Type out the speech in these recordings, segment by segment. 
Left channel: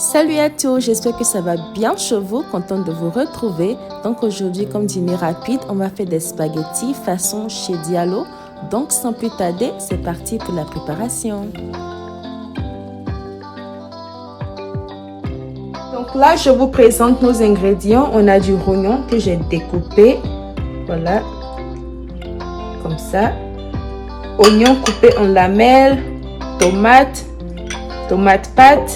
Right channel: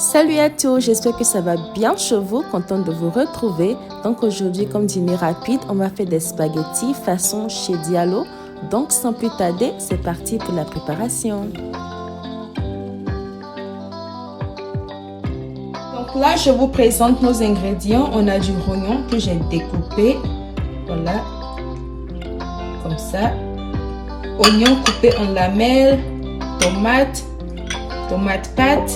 Salut à tous, j'espère que ça va bien chez vous, contente de vous retrouver. Donc aujourd'hui, comme dîner rapide, on va faire des spaghettis façon chez Diallo. Donc sans plus tarder, c'est parti pour la préparation. Donc là, je vous présente nos ingrédients. On a du rognon que j'ai découpé, voilà, comme ça. Oignon coupé en lamelles, tomate pâte,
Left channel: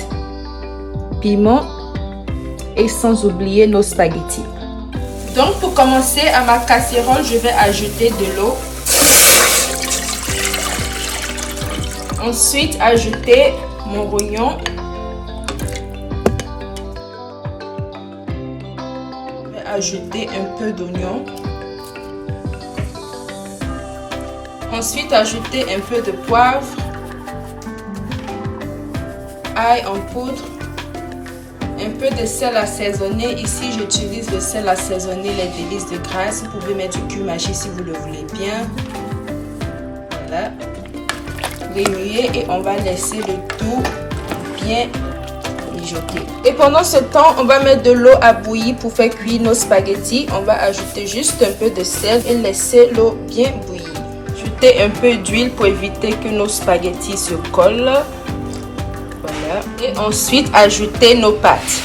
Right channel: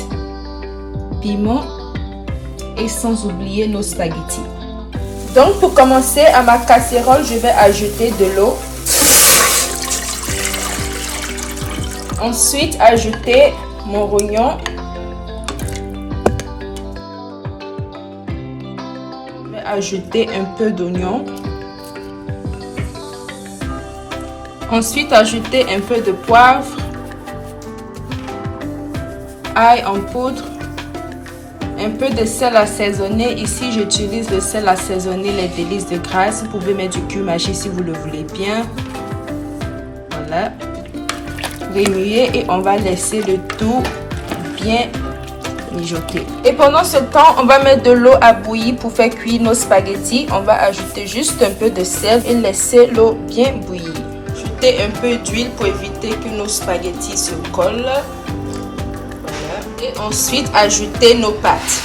piment et sans oublier nos spaghettis. Donc pour commencer, à ma casserole, je vais ajouter de l'eau. Ensuite, ajouter mon rognon. Je vais ajouter un peu d'oignon. Ensuite, ajouter un peu de poivre, ail en poudre, un peu de sel assaisonné. Ici, j'utilise le sel assaisonné Les Délices de Grâce. Vous pouvez mettre du cumin-magie si vous le voulez bien. Voilà. Remuer et on va laisser le tout bien mijoter. Et pendant ce temps, on va mettre de l'eau à bouillir pour faire cuire nos spaghettis. On va ajouter juste un peu de sel et laisser l'eau bien bouillir. Ajouter un peu d'huile pour éviter que nos spaghettis se collent. Et ensuite ajouter nos pâtes.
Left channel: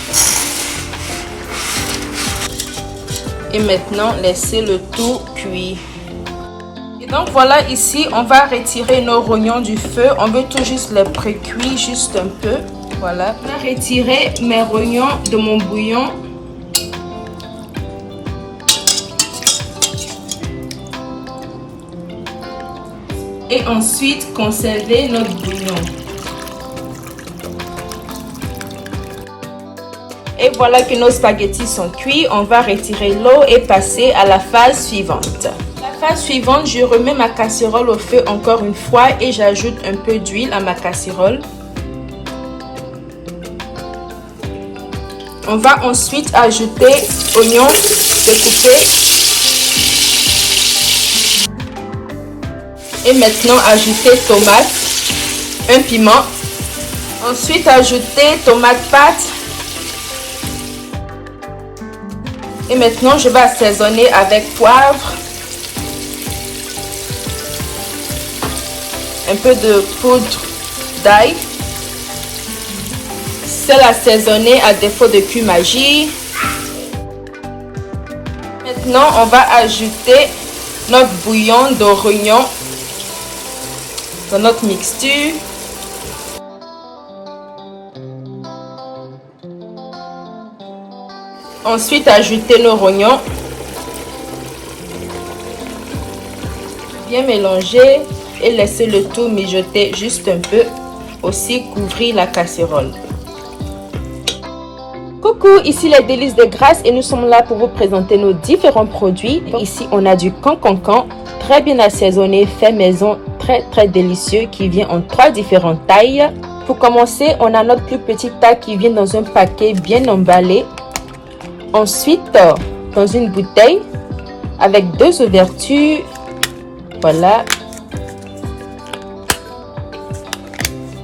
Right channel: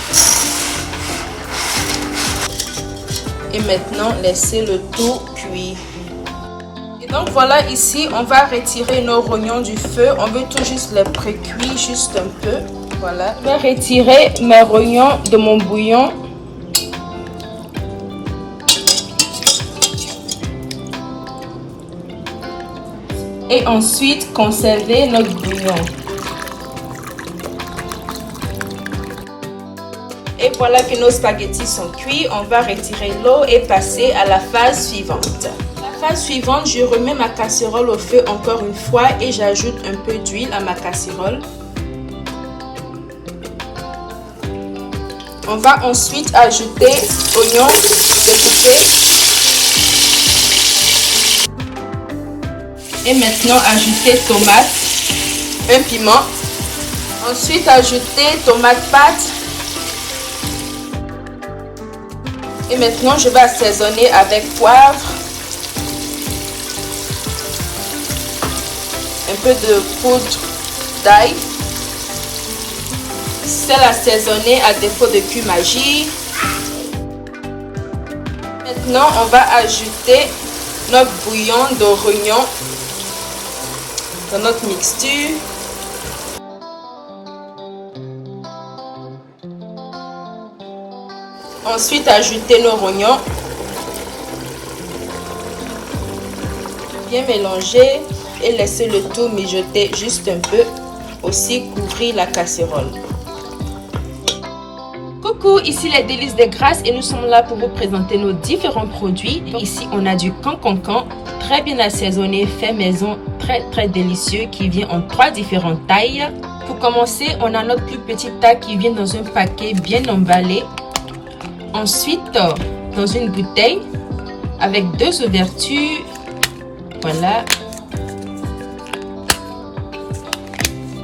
Et maintenant laisser le tout cuire. Et donc voilà, ici on va retirer nos rognons du feu. On veut tout juste les pré-cuire juste un peu. Voilà. Je vais retirer mes rognons de mon bouillon. Et ensuite conserver notre bouillon. Et voilà que nos spaghettis sont cuits. On va retirer l'eau et passer à la phase suivante. La phase suivante, je remets ma casserole au feu encore une fois et j'ajoute un peu d'huile à ma casserole. On va ensuite ajouter oignons découpés. Et maintenant ajouter tomate, un piment. Ensuite ajouter tomate pâte. Et maintenant, je vais assaisonner avec poivre, un peu de poudre d'ail, sel assaisonné à défaut de cumin-magie. Maintenant, on va ajouter notre bouillon de rognon dans notre mixture. Ensuite, ajouter nos rognons. Bien mélanger et laisser le tout mijoter juste un peu. Aussi, couvrir la casserole. Coucou, ici Les Délices de Grâce et nous sommes là pour vous présenter nos différents produits. Ici, on a du cancancan, très bien assaisonné, fait maison, très délicieux, qui vient en 3 différentes tailles. Pour commencer, on a notre plus petite taille qui vient dans un paquet bien emballé. Ensuite, dans une bouteille avec 2 ouvertures, voilà.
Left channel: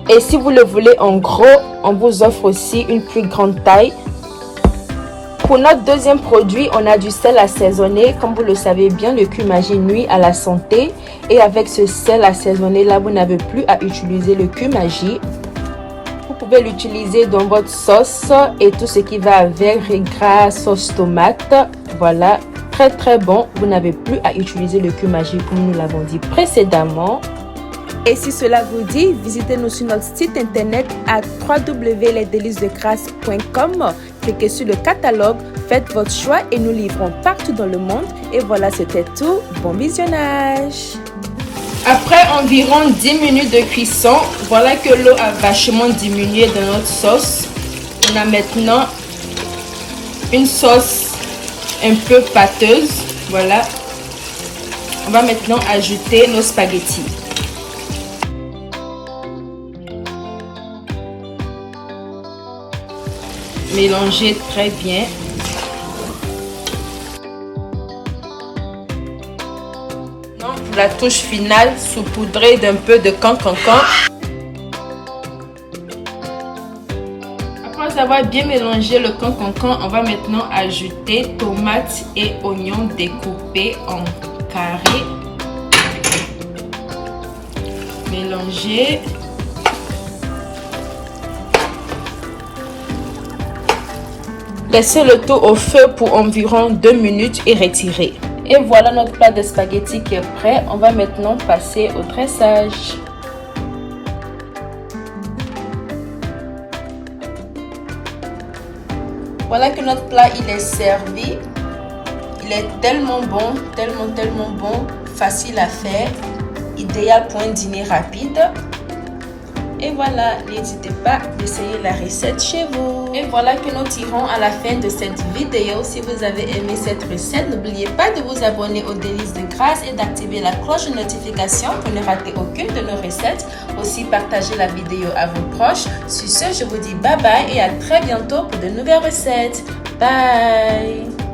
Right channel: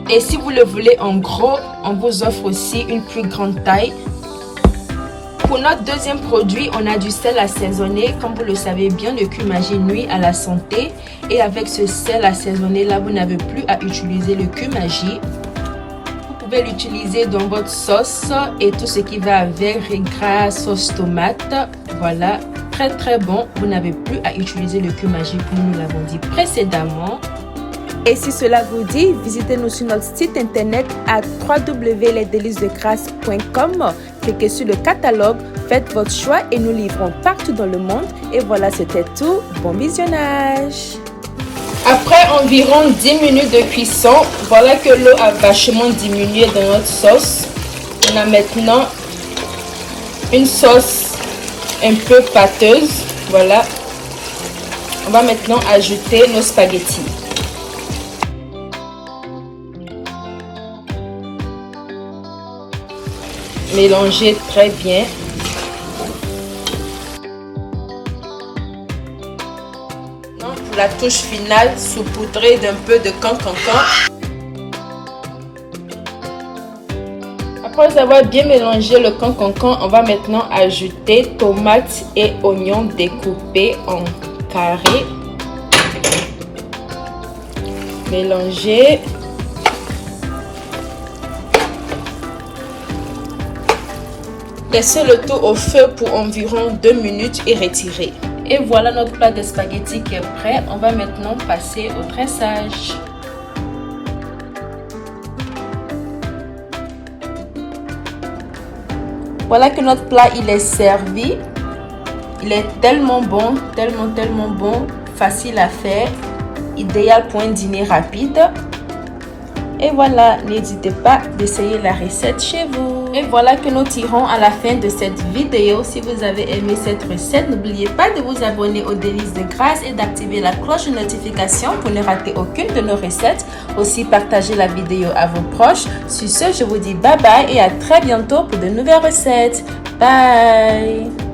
Et si vous le voulez en gros, on vous offre aussi une plus grande taille. Pour notre deuxième produit, on a du sel assaisonné. Comme vous le savez bien, le cumin-magie nuit à la santé. Et avec ce sel assaisonné là, vous n'avez plus à utiliser le cumin-magie. Vous pouvez l'utiliser dans votre sauce et tout ce qui va avec, riz gras, sauce tomate. Voilà, très bon. Vous n'avez plus à utiliser le cumin-magie comme nous l'avons dit précédemment. Et si cela vous dit, visitez-nous sur notre site internet à www.lesdelicesdegrace.com. Cliquez sur le catalogue, faites votre choix et nous livrons partout dans le monde. Et voilà, c'était tout. Bon visionnage! Après environ 10 minutes de cuisson, voilà que l'eau a vachement diminué dans notre sauce. On a maintenant une sauce un peu pâteuse. Voilà. On va maintenant ajouter nos spaghettis. Mélanger très bien. La touche finale saupoudrée d'un peu de cancancan. Après avoir bien mélangé le cancan, on va maintenant ajouter tomates et oignons découpés en carrés. Mélanger. Laissez le tout au feu pour environ 2 minutes et retirer. Et voilà notre plat de spaghettis qui est prêt. On va maintenant passer au dressage. Voilà que notre plat il est servi. Il est tellement bon, tellement bon, facile à faire, idéal pour un dîner rapide. Et voilà, n'hésitez pas d'essayer la recette chez vous. Et voilà que nous tirons à la fin de cette vidéo. Si vous avez aimé cette recette, n'oubliez pas de vous abonner aux Délices de Grâce et d'activer la cloche de notification pour ne rater aucune de nos recettes. Aussi, partagez la vidéo à vos proches. Sur ce, je vous dis bye bye et à très bientôt pour de nouvelles recettes. Bye!